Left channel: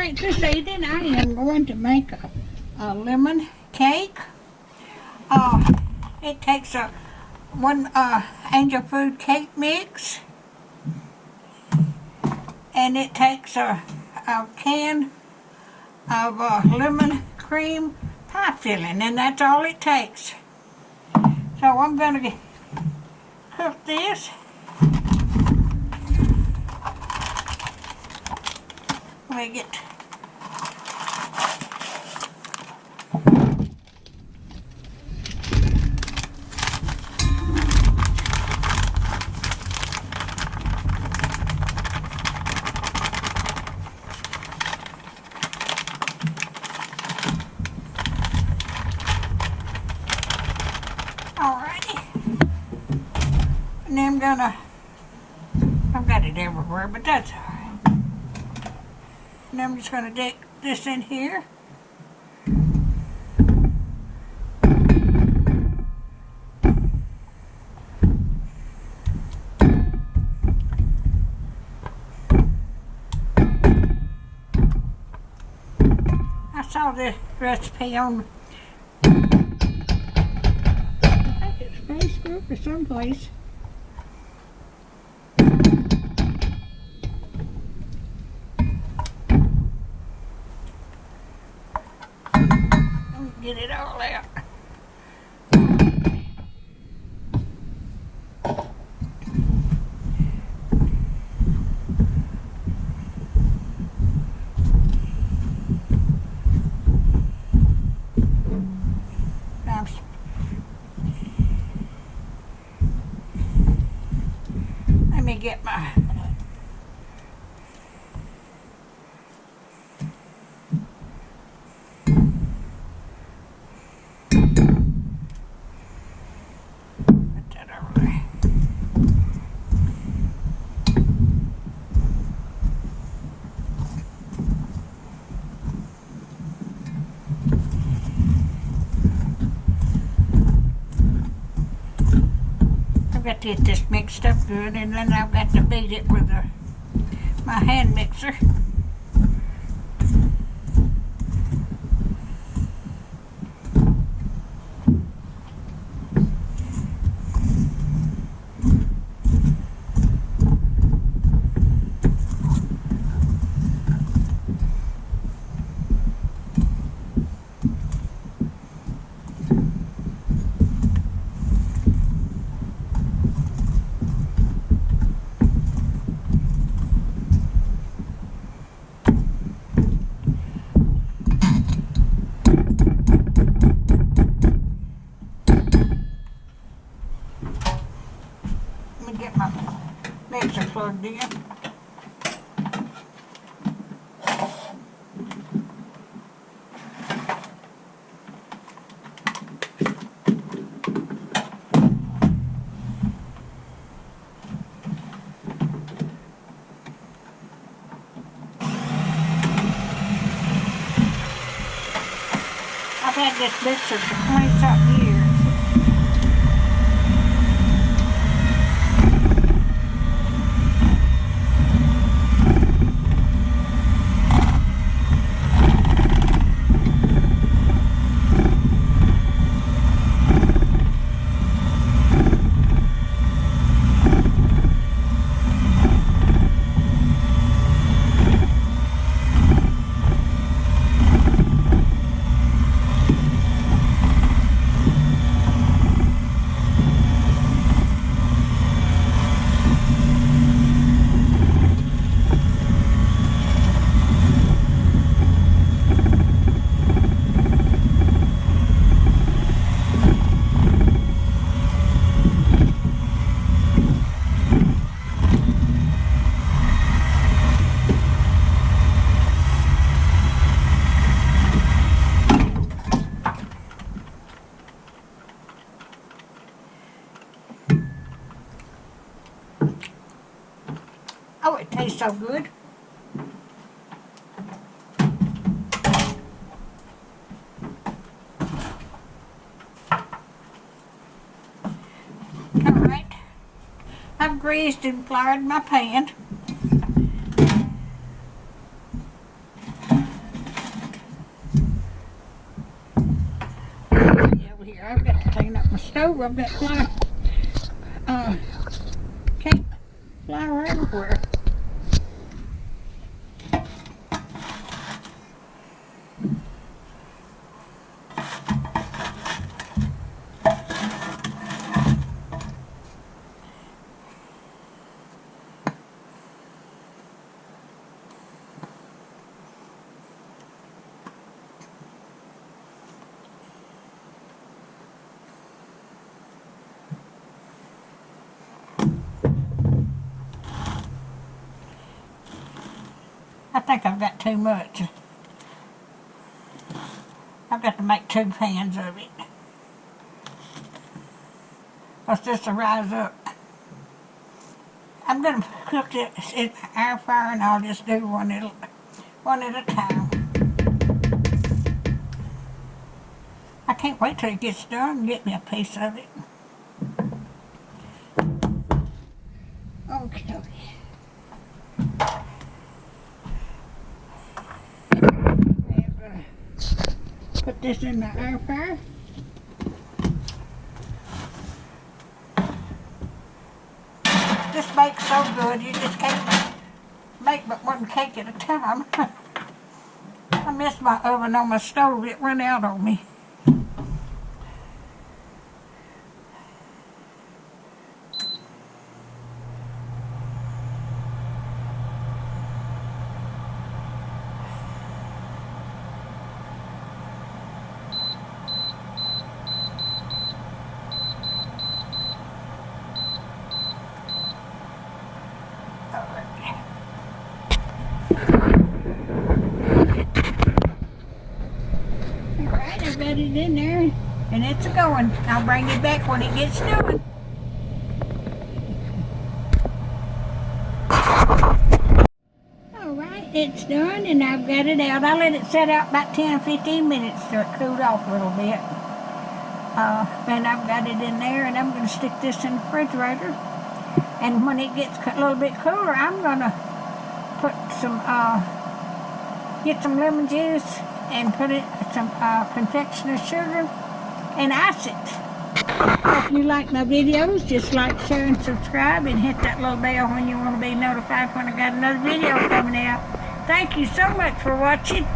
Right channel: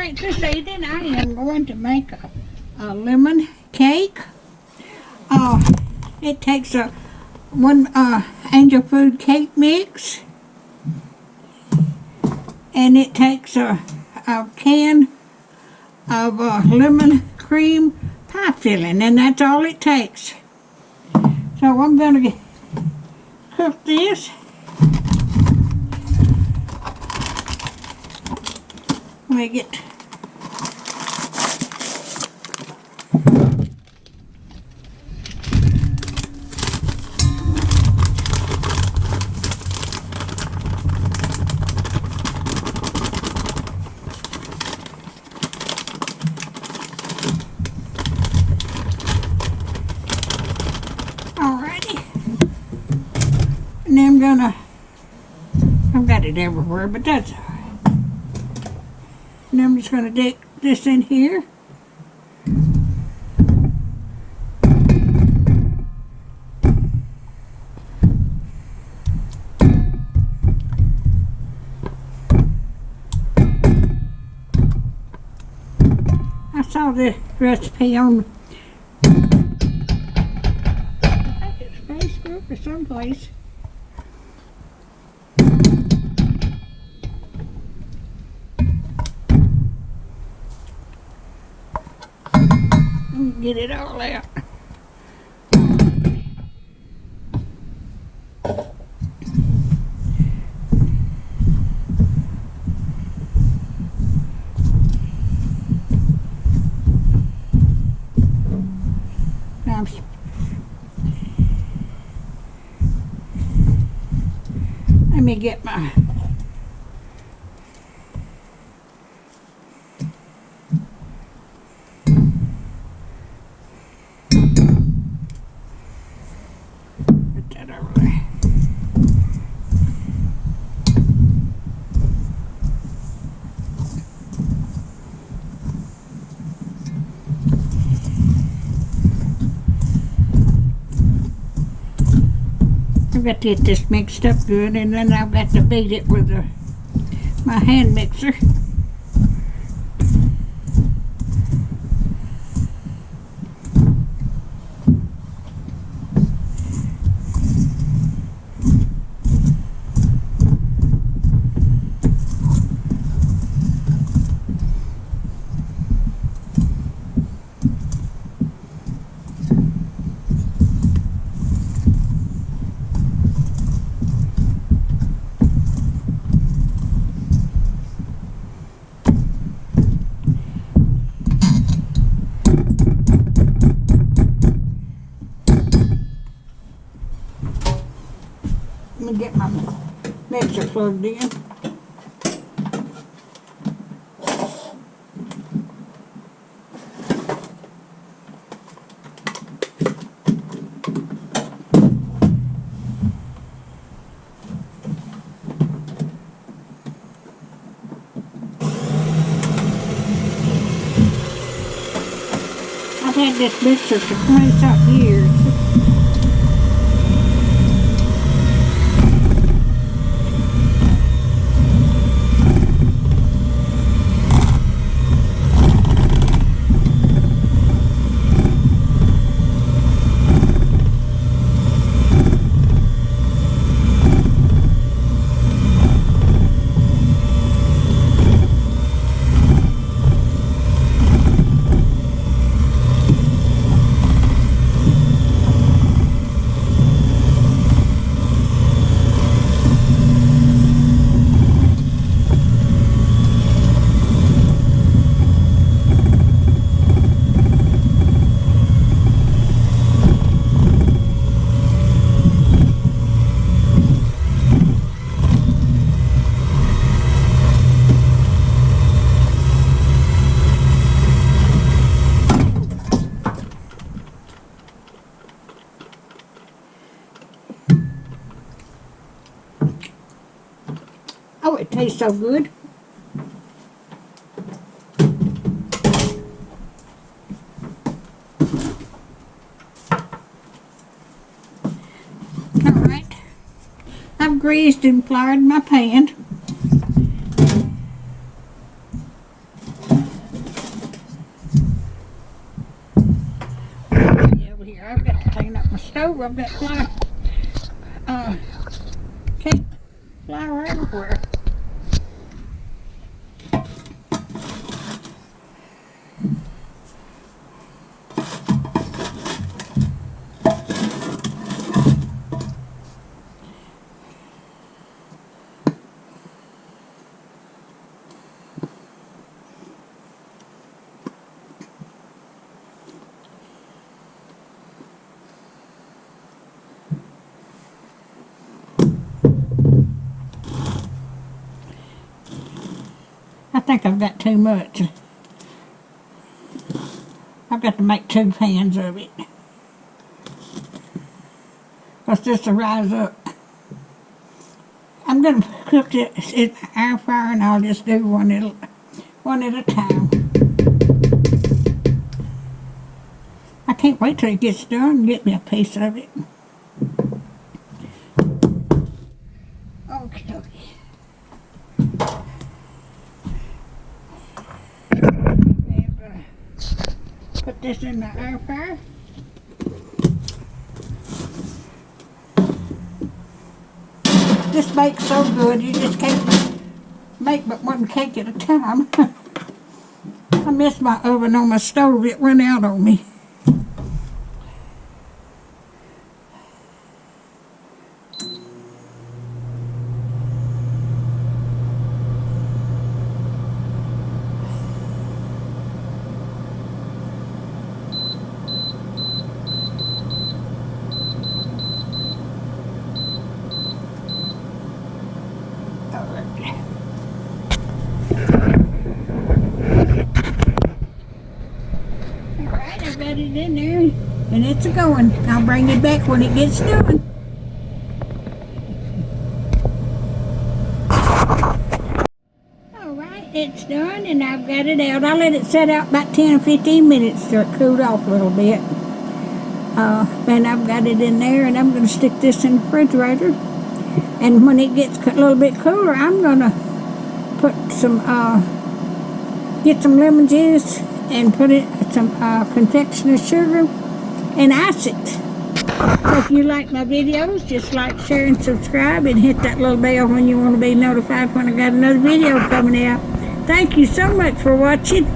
Alright, this evening I am going to make a lemon cake. It takes one Angel Food cake mix, and it takes a can of lemon cream pie filling, and that's all it takes. So I'm going to cook this. Make it alrighty, and then I've got it everywhere, but that's alright. And I'm just going to dip this in here. I saw this recipe on, I think it's Facebook or someplace. Get it all out. Let me get my I've got to get this mixed up good, and then I've got to beat it with my hand mixer. Let me get my mixer plugged in. I've had this mixer for 20-something years. Oh, it tastes so good. All right. I've greased and floured my pan. stove. I've got cake flour everywhere. I think I've got too much. I've got to make 2 pans of it. Because this will rise up. I'm going to cook it in air fryer and I'll just do one at a time. I can't wait till it gets done and get me a piece of it. Okay. Put this in the air fryer. This bakes so good, you just can't make but one cake at a time. I missed my oven on my stove, it went out on me. Alright, I've got it in there and it's going. I'll bring it back when it gets done. Alright, it's done and I've got it out. I let it set out about 10 or 15 minutes till it cooled off a little bit. Then I've got it in there and I'm going to stick this in the refrigerator. And when it gets a little bit cooler, I'm going to put some, get some lemon juice and put it some confectioner's sugar and ice it. So if you like my videos, just like, share, and subscribe and hit that little bell when you want to be notified when I got another video coming out. Thank you so much for watching.